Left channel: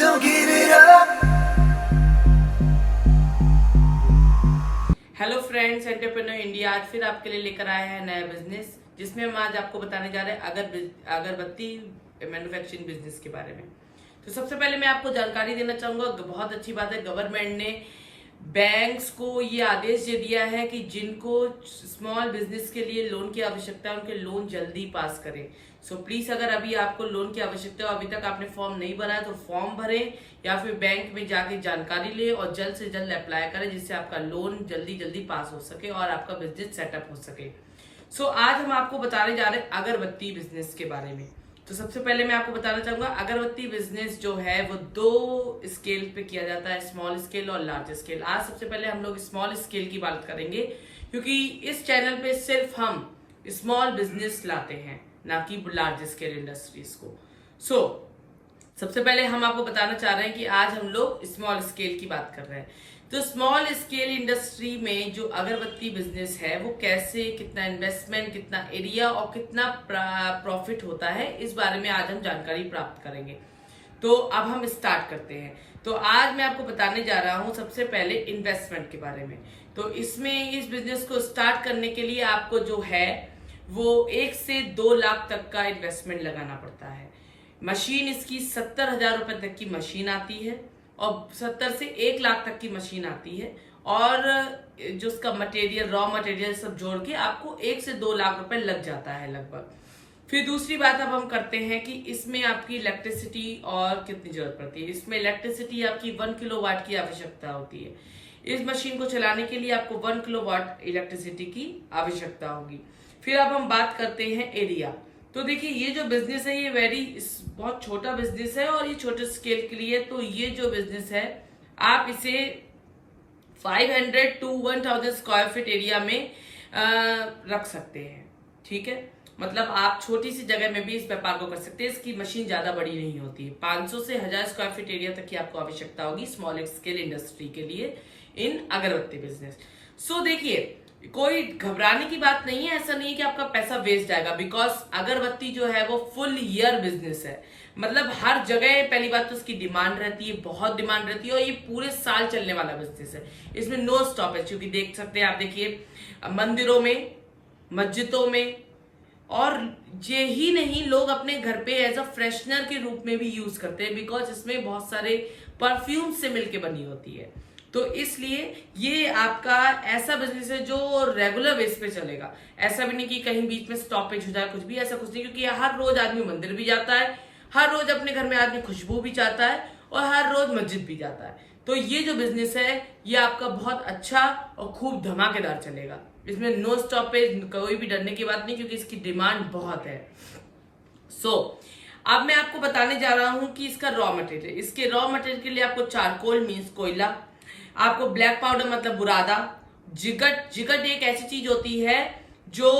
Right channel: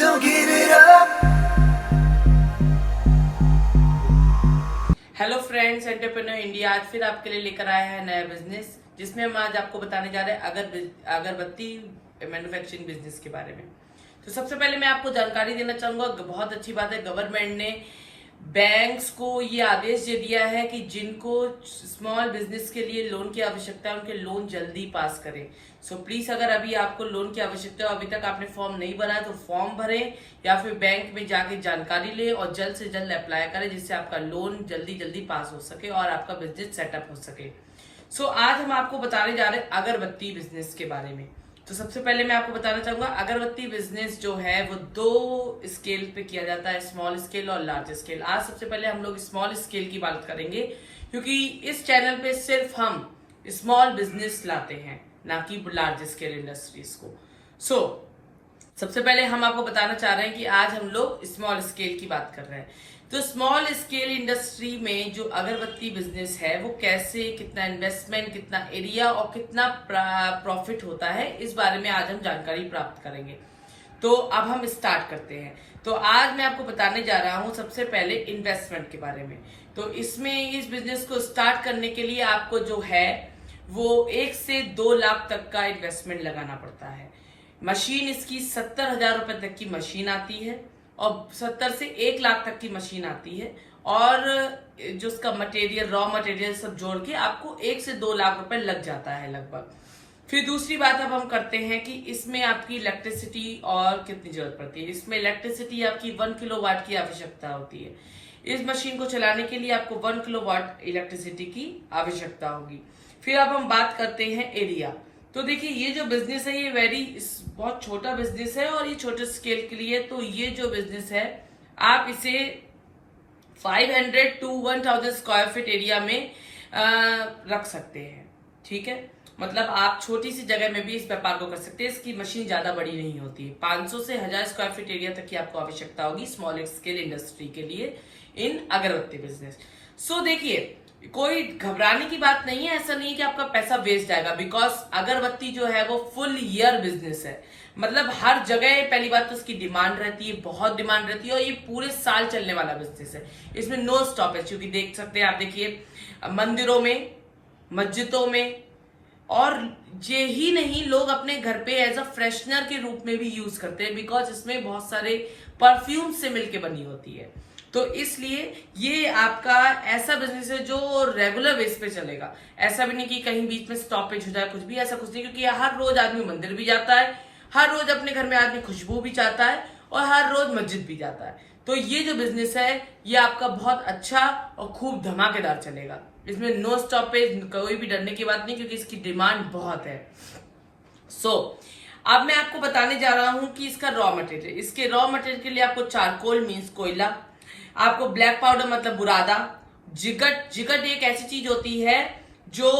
Don't give it up. Hello friends, entrepreneur India आज फिर आपके लिए लेकर आया है नया बिजनेस, जिसमें हम आज आपको बताने जा रहे हैं अगरबत्ती मैन्युफैक्चरिंग बिजनेस के बारे में। तो सबसे पहले मैं आपको जानकारी देना चाहूंगा, बहुत अच्छी बात है, गवर्नमेंट ने बैंक्स को ये आदेश दे दिया है कि जिनको स्मॉल बिजनेस के लिए लोन की आवश्यकता है उनके लोन जल्दी पास करें। सो प्लीज, अगर अभी आपको लोन की आवश्यकता है, अभी तक आपने फॉर्म नहीं भरा है तो फॉर्म भरें या फिर बैंक में जाके जानकारी लें और जल्द से जल्द अप्लाई करें, जिससे आपका लोन जल्दी जल्दी पास हो सके और आपका बिजनेस सेटअप हो सके। सो आज हम आपको बताने जा रहे हैं अगरबत्ती बिजनेस के बारे में। तो सबसे पहले मैं आपको बताना चाहूंगा, अगरबत्ती बिजनेस जो है वो दो स्केल पे किया जाता है, स्मॉल स्केल और लार्ज स्केल। आज सबसे पहले हम लोग स्मॉल स्केल की बात करेंगे, क्योंकि इस चैनल पे सिर्फ हम स्मॉल बिजनेस लाते हैं, ना कि लार्ज स्केल इंडस्ट्रीज को। सबसे पहले हम आपको बताना चाह रहे हैं कि आज हम लोग स्मॉल स्केल की बात कर रहे हैं। तो स्मॉल स्केल इंडस्ट्री में जो अगरबत्ती बिजनेस है वो कैसे, कितना इन्वेस्टमेंट, कितना एरिया और कितना प्रॉफिट होता है, इस बारे में आज हम जानकारी प्राप्त करेंगे। तो अब हम स्टार्ट करते हैं। तो आज मैं आपको बताने जा रहा हूं सबसे पहले इन्वेस्टमेंट के बारे में। तो इसमें इस बिजनेस को स्टार्ट करने के लिए आपको जो है वो 1 से 2 लाख तक का इन्वेस्टमेंट लगाना पड़ता है। मशीन इसकी 70,000 रुपए तक की मशीन आती है और 70 से 1 लाख तक की मशीन आती है, और जो उसका मटेरियल, रॉ मटेरियल सब जोड़ के आपको 1 से 2 लाख रुपए लग जाता है लगभग। फिर दूसरी बात अब हम करते हैं कि इसमें आपकी इलेक्ट्रिसिटी और कितनी जरूरत पड़ती है। इसमें इलेक्ट्रिसिटी आपकी 1 किलोवाट की आवश्यकता होती है। इस मशीन को चलाने के लिए आपको 1 किलोवाट इलेक्ट्रिसिटी की आवश्यकता होगी। फिर अब हम बात करते हैं एरिया। तो देखिए, ये जो बिजनेस है ये बहुत छोटा बिजनेस है और ये छोटे स्केल के लिए। तो ये जो बिजनेस है आप इसे 500 to 1000 स्क्वायर फीट एरिया में रख सकते हैं। ठीक है, मतलब आप छोटी सी जगह में भी इस व्यापार को कर सकते हैं। इसकी मशीन ज्यादा बड़ी नहीं होती है। 500 से 1000 स्क्वायर फीट एरिया तक की आपको आवश्यकता होगी स्मॉल स्केल इंडस्ट्री के लिए इन अगरबत्ती बिजनेस। देखिए, कोई घबराने की बात नहीं है। ऐसा नहीं है कि आपका पैसा वेस्ट जाएगा, बिकॉज अगरबत्ती जो है वो फुल ईयर बिजनेस है। मतलब हर जगह, पहली बात तो उसकी डिमांड रहती है, बहुत डिमांड रहती है, और ये पूरे साल चलने वाला बिजनेस है। इसमें नो स्टॉपेज, क्योंकि देख सकते हैं आप, देखिए मंदिरों में, मस्जिदों में, और ये ही नहीं, लोग अपने घर पे एज अ फ्रेशनर के रूप में भी यूज करते हैं, बिकॉज इसमें बहुत सारे परफ्यूम से मिलके बनी होती है। तो इसलिए ये आपका ऐसा बिजनेस है जो रेगुलर बेस पे चलेगा। ऐसा भी नहीं कि कहीं बीच में स्टॉपेज हो जाए, कुछ भी ऐसा कुछ नहीं, क्योंकि हर रोज आदमी मंदिर भी जाता है, हर रोज अपने घर में आदमी खुशबू भी चाहता है, और हर रोज मस्जिद भी जाता है। तो ये जो बिजनेस है ये आपका बहुत अच्छा और खूब धमाकेदार चलेगा। इसमें नो स्टॉपेज, कोई भी डरने की बात नहीं, क्योंकि इसकी डिमांड बहुत है। अब मैं आपको बताने जा रहा हूं कि इसका रॉ मटेरियल। इसके रॉ मटेरियल के लिए आपको चारकोल मीन्स कोयला, आपको ब्लैक पाउडर मतलब बुरादा, जिगट एक ऐसी चीज होती है जो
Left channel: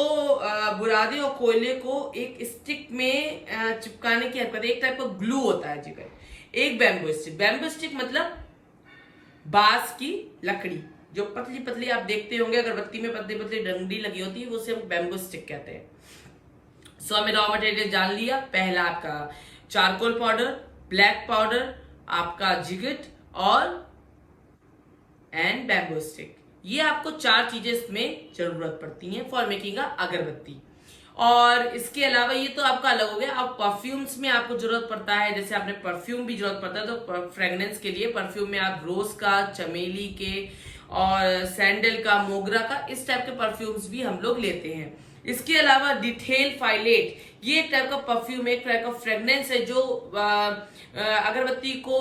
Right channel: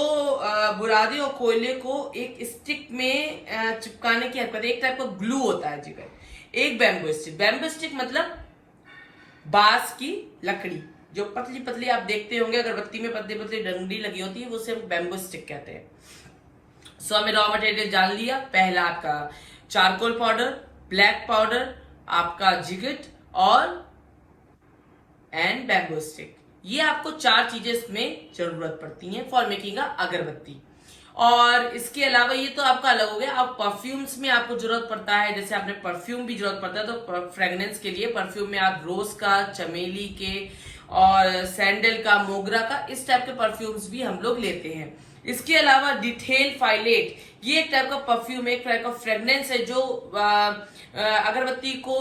बुरादे और कोयले को एक स्टिक में चिपकाने की हरकत, एक टाइप का ग्लू होता है जिगट। एक बैम्बू स्टिक मतलब बांस की लकड़ी, जो पतली पतली आप देखते होंगे अगरबत्ती में पतली पतली डंडी लगी होती है, वो उसे हम बैम्बू स्टिक कहते हैं। हमें रॉ मटेरियल जान लिया। पहला आपका चारकोल पाउडर, ब्लैक पाउडर, आपका जिगट और बैम्बू स्टिक। ये आपको 4 चीजें इसमें जरूरत पड़ती हैं फॉर मेकिंग अगरबत्ती। और इसके अलावा ये तो आपका अलग हो गया। अब परफ्यूम्स में आपको जरूरत पड़ता है, जैसे आपने परफ्यूम भी जरूरत पड़ता है, तो फ्रेग्रेंस के लिए परफ्यूम में आप रोज का, चमेली के और सैंडल का, मोगरा का, इस टाइप के परफ्यूम्स भी हम लोग लेते हैं। इसके अलावा डिटेल फाइलेट, ये एक टाइप का परफ्यूम, एक टाइप का फ्रेग्रेंस है जो अगरबत्ती को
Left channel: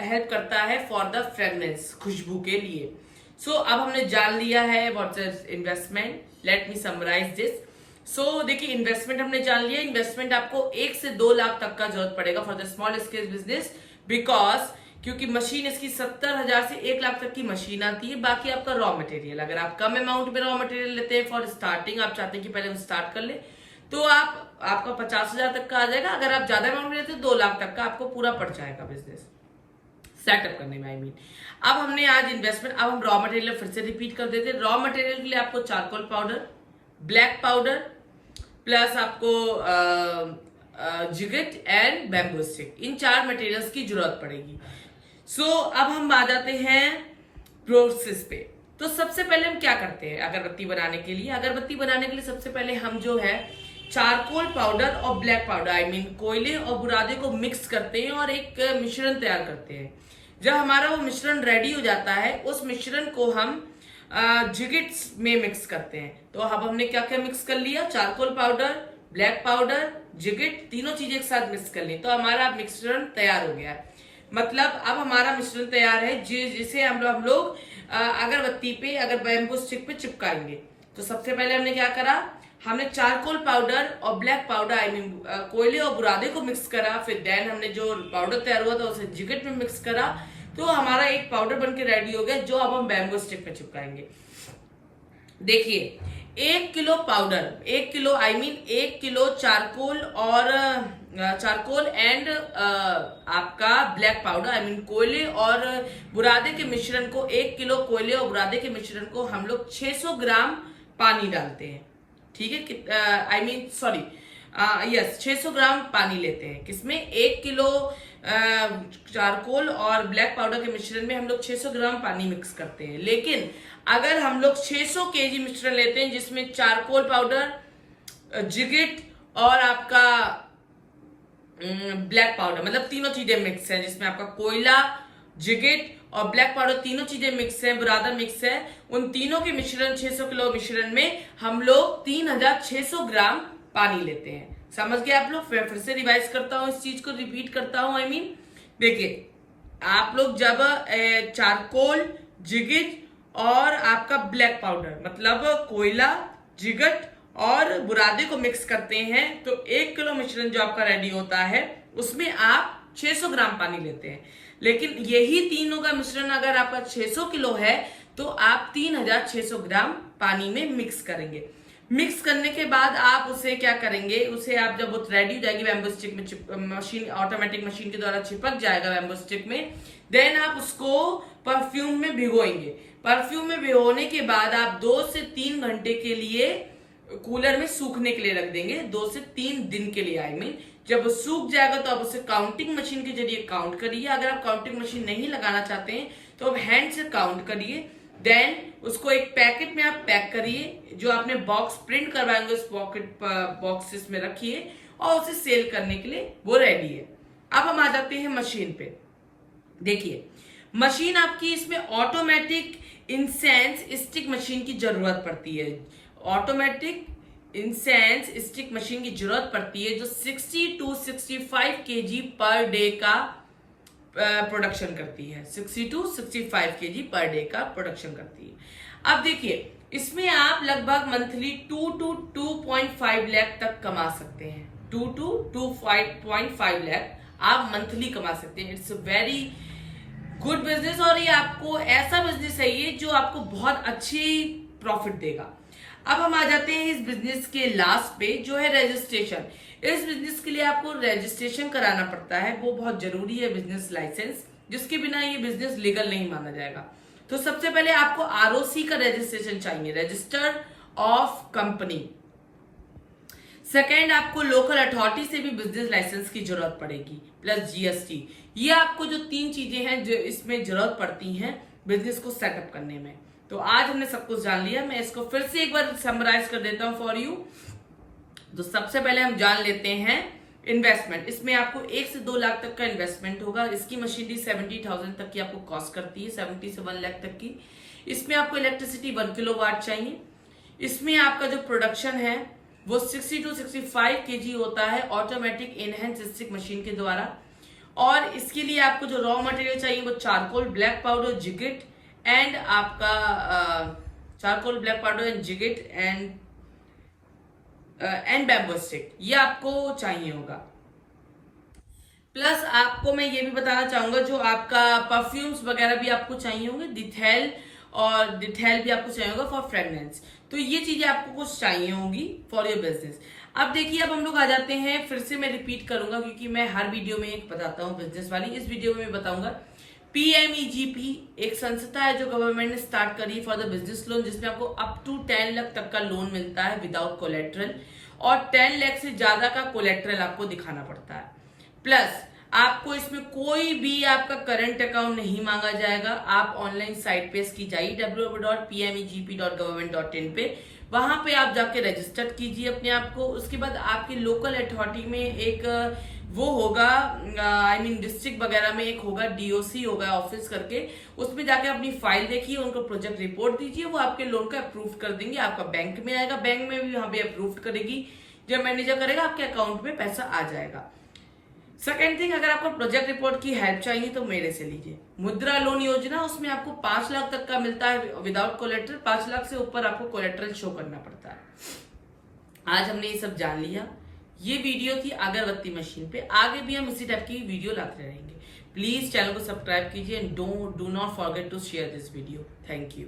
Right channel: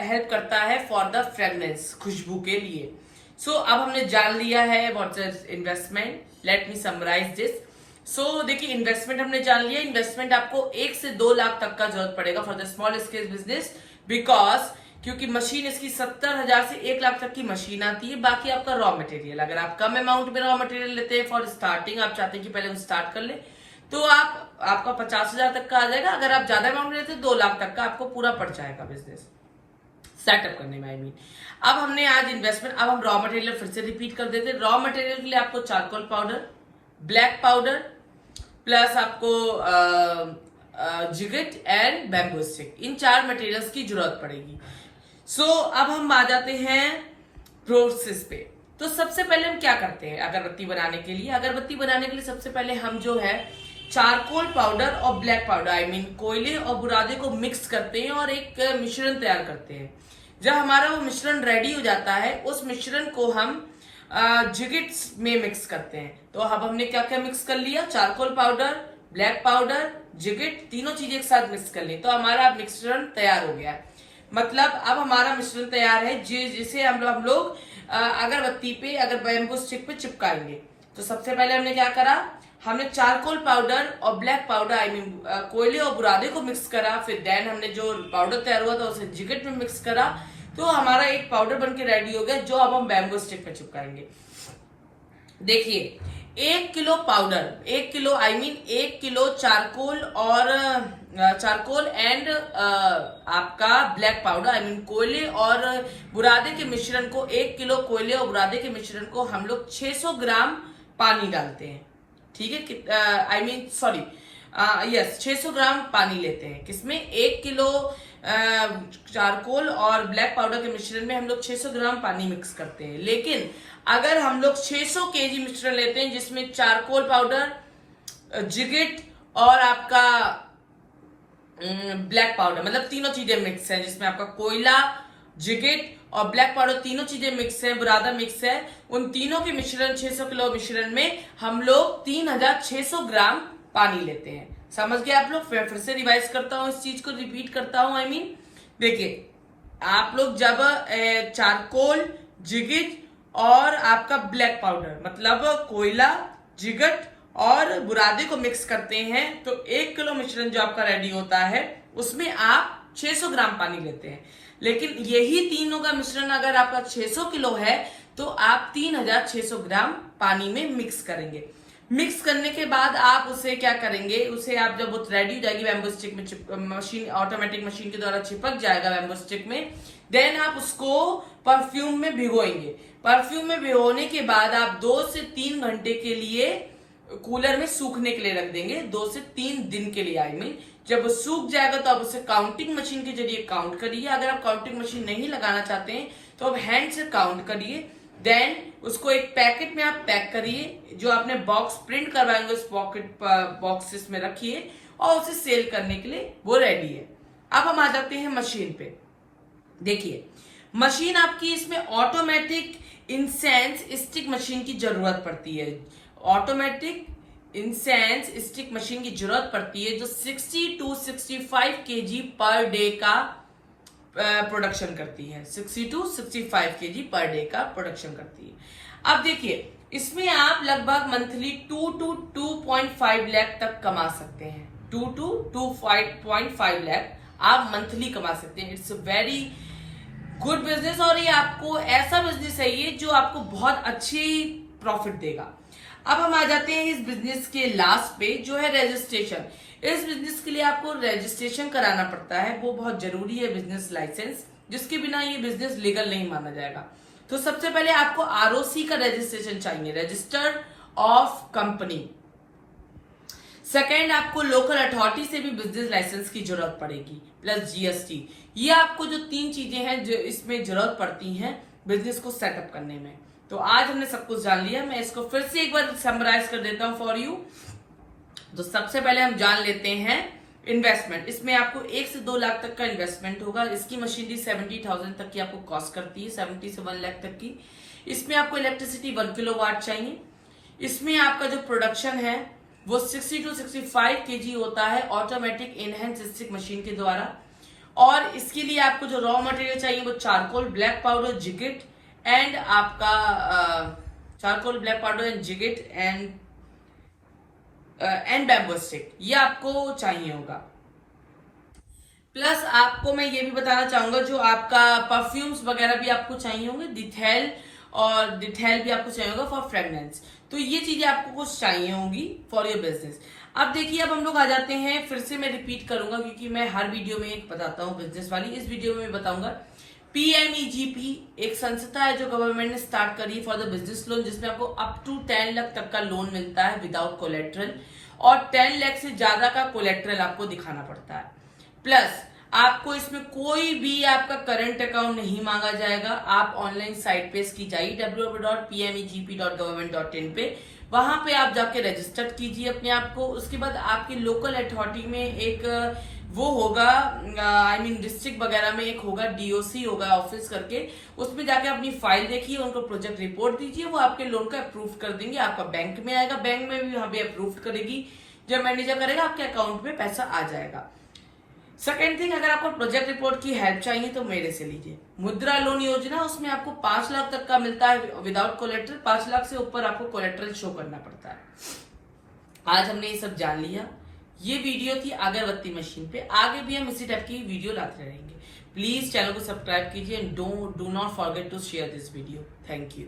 हेल्प करता है फॉर द फ्रेग्रेंस, खुशबू के लिए। अब हमने जान लिया है what's is investment. Let me summarise this. देखिए, इन्वेस्टमेंट हमने जान लिया। इन्वेस्टमेंट आपको 1 से 2 लाख तक का जरूरत पड़ेगा for the small scale business, because क्योंकि मशीन इसकी 70,000 से 1 लाख तक की मशीन आती है। बाकी आपका रॉ मटेरियल, अगर आप कम अमाउंट में रॉ मटेरियल लेते हैं फॉर स्टार्टिंग, आप चाहते हैं कि पहले हम स्टार्ट कर ले, तो आपका 50,000 तक का आ जाएगा। अगर आप ज्यादा अमाउंट लेते हैं 2 लाख तक का आपको पूरा पड़ जाएगा बिजनेस सेटअप करने में। अब हमने आज इन्वेस्टमेंट, अब हम रॉ मटेरियल फिर से रिपीट कर देते हैं। रॉ मटेरियल के लिए आपको charcoal powder, black powder, plus आपको जिगट एंड बैम्बू स्टिक, इन 4 मटेरियल्स की जरूरत पड़ेगी। अब हम आ जाते हैं प्रोसेस पे। तो सबसे पहले हम क्या करते हैं अगरबत्ती बनाने के लिए? अगरबत्ती बनाने के लिए सबसे पहले हम जो है चारकोल पाउडर और ब्लैक पाउडर कोयले और बुरादे को मिक्स करते हैं और एक मिश्रण तैयार करते हैं। जब हमारा वो मिश्रण रेडी हो जाता है, उस मिश्रण को हम जिगिट्स में मिक्स करते हैं। तो अब हमने क्या क्या मिक्स कर लिया? चारकोल पाउडर, ब्लैक पाउडर, जिगिट, तीनों चीजें एक साथ मिक्स कर ली, तो हमारा मिश्रण तैयार हो गया है। मतलब अब हमारा मिश्रण तैयार है जिसे हम लोग अगरबत्ती पे, अगर बैम्बू स्टिक पे चिपकाएंगे। तो सबसे पहले हमने क्या करा? हमने चारकोल पाउडर और ब्लैक पाउडर कोयले और बुरादे को मिक्स करा। फिर देन हमने जो पाउडर तैयार हुआ था उसे जिगट में मिक्स करा, तो हमारा एक पाउडर बनके रेडी हो गया, जो अब हम बैम्बू स्टिक पे चिपकाएंगे। देखिए 1 kilo powder, 1 kilo charcoal and आपका ब्लैक पाउडर कोयले और बुरादे के मिश्रण को, 1 किलो कोयले और बुरादे के मिश्रण को हम लोग 600 ग्राम पानी डालते हैं। ठीक है, 600 ग्राम पानी लेते हैं। किसमें? 1 किलो चारकोल और ब्लैक पाउडर के मिश्रण में हम लोग 600 ग्राम पानी मिक्स करते हैं। लेकिन अगर हम लोग 600 केजी मिश्रण लेते हैं जिसमें चारकोल पाउडर, जिगिट और आपका ब्लैक पाउडर, मतलब तीनों चीजें मिक्स है, जिसमें आपका कोयला, जिगिट और ब्लैक पाउडर तीनों चीजें मिक्स है, बुरादा मिक्स है, उन तीनों के मिश्रण 600 किलो मिश्रण में हम लोग 3600 ग्राम पानी लेते हैं। समझ गए आप लोग? फिर से रिवाइज करता हूं, इस चीज को रिपीट करता हूं। देखिए आप लोग जब चारकोल, जिगिट और आपका ब्लैक पाउडर, मतलब कोयला, जिगट और बुरादे को मिक्स करते हैं, तो 1 किलो मिश्रण जो आपका रेडी होता है उसमें आप 600 ग्राम पानी लेते हैं। लेकिन यही तीनों का मिश्रण अगर आपका 600 किलो है तो आप 3600 ग्राम पानी में मिक्स करेंगे। मिक्स करने के बाद आप उसे क्या करेंगे? उसे आप जब वो रेडी हो जाएगी बैम्बू स्टिक में, मशीन, ऑटोमेटिक मशीन के द्वारा चिपक जाएगा बैम्बू स्टिक में, देन आप उसको परफ्यूम में भिगोएंगे। परफ्यूम में भिगोने के बाद आप 2 से 3 घंटे के लिए कूलर में सूखने के लिए रख देंगे, 2 से 3 दिन के लिए। जब वो सूख जाएगा तो आप उसे काउंटिंग मशीन के जरिए काउंट करिए। अगर आप काउंटिंग मशीन नहीं लगाना चाहते हैं तो आप हैंड से काउंट करिए। देन उसको एक पैकेट में आप पैक करिए, जो आपने बॉक्स प्रिंट करवाएंगे उस पॉकेट बॉक्सेस में रखिए और उसे सेल करने के लिए वो रेडी है। अब हम आ जाते हैं मशीन पे। देखिए मशीन आपकी, इसमें ऑटोमेटिक इंसेंस स्टिक मशीन की जरूरत पड़ती है। ऑटोमेटिक इंसेंस स्टिक मशीन की जरूरत पड़ती है, जो 60 to 65 kg पर डे का प्रोडक्शन करती है। 60 to 65 kg पर डे का प्रोडक्शन करती है। अब देखिए इसमें आप लगभग मंथली 2 to 2.5 लाख तक कमा सकते हैं। 2 to 2.5 लाख आप मंथली कमा सकते हैं। इट्स वेरी गुड बिजनेस, और ये आपको ऐसा बिजनेस है ये जो आपको बहुत अच्छी प्रॉफिट देगा। अब हम आ जाते हैं इस बिजनेस के लास्ट पे, जो है रजिस्ट्रेशन। इस बिजनेस के लिए आपको रजिस्ट्रेशन कराना पड़ता है, वो बहुत जरूरी है, बिजनेस लाइसेंस, जिसके बिना ये बिजनेस लीगल नहीं माना जाएगा। तो सबसे पहले आपको आरओसी का रजिस्ट्रेशन चाहिए, रजिस्टर्ड ऑफ कंपनी। सेकेंड, आपको लोकल अथॉरिटी से भी बिजनेस लाइसेंस की जरूरत पड़ेगी, प्लस जीएसटी। ये आपको जो 3 चीजें हैं जो इसमें जरूरत पड़ती हैं बिजनेस को सेटअप करने में। तो आज हमने सब कुछ जान लिया, मैं इसको फिर से एक बार समराइज कर देता हूं फॉर यू। तो सबसे पहले हम जान लेते हैं इन्वेस्टमेंट। इसमें आपको 1 से 2 लाख तक का इन्वेस्टमेंट होगा। इसकी मशीनरी 70,000 तक की आपको कॉस्ट करती है, 70 से 1 लाख तक की। इसमें आपको इलेक्ट्रिसिटी 1 किलोवाट चाहिए। इसमें आपका जो प्रोडक्शन है वो 60 to 65 kg होता है ऑटोमेटिक इनहेंस स्टिक मशीन के द्वारा। और इसके लिए आपको जो रॉ मटेरियल चाहिए वो चारकोल, ब्लैक पाउडर, जिगिट एंड आपका चारकोल, ब्लैक पाउडर एंड जिगिट एंड बैम्बू स्टिक, ये आपको चाहिए होगा। प्लस आपको मैं ये भी बताना चाहूंगा, जो आपका परफ्यूम्स वगैरह भी आपको चाहिए होंगे, डिटेल भी आपको चाहिए होगा फॉर फ्रेगनेंस। तो ये चीजें आपको कुछ चाहिए होंगी फॉर योर बिजनेस। अब देखिए, अब हम लोग आ जाते हैं, फिर से मैं रिपीट करूंगा क्योंकि मैं हर वीडियो में एक बताता हूँ बिजनेस वाली। इस वीडियो में बताऊंगा PMEGP एक संस्था है जो गवर्नमेंट ने स्टार्ट करी फॉर द बिजनेस लोन, जिसमें आपको अप टू 10 लाख तक का लोन मिलता है विदाउट कोलेट्रल। और 10 लाख से ज्यादा का कोलेट्रल आपको दिखाना पड़ता है। प्लस आपको इसमें कोई भी आपका करंट अकाउंट नहीं मांगा जाएगा। आप ऑनलाइन साइट पे इसकी जाइए www.pmegp.government.in पे, वहां पे आप जाके रजिस्टर कीजिए अपने आप को। उसके बाद आपकी लोकल अथॉरिटी में एक वो होगा, डिस्ट्रिक्ट वगैरह में एक होगा, डीओसी होगा ऑफिस करके, उसमें जाके अपनी फाइल देखिए, उनको प्रोजेक्ट रिपोर्ट दीजिए, वो आपके लोन का अप्रूव कर देंगे। आपका बैंक में आएगा, बैंक में भी वहां पे अप्रूव करेगी, जब मैनेजर करेगा आपके अकाउंट में पैसा आ जाएगा। सेकेंड थिंग, अगर आपको प्रोजेक्ट रिपोर्ट की हेल्प चाहिए तो मेरे से लीजिए। मुद्रा लोन योजना, उसमें आपको 5 लाख तक का मिलता है विदाउट कोलेट्रल। 5 लाख से ऊपर आपको कोलेट्रल शो करना पड़ता है। आज हमने ये सब जान लिया। ये वीडियो थी अगरबत्ती मशीन पे। आगे भी हम इसी टाइप की वीडियो लाते रहेंगे। प्लीज चैनल को सब्सक्राइब कीजिए and do not forget to share this video. Thank you.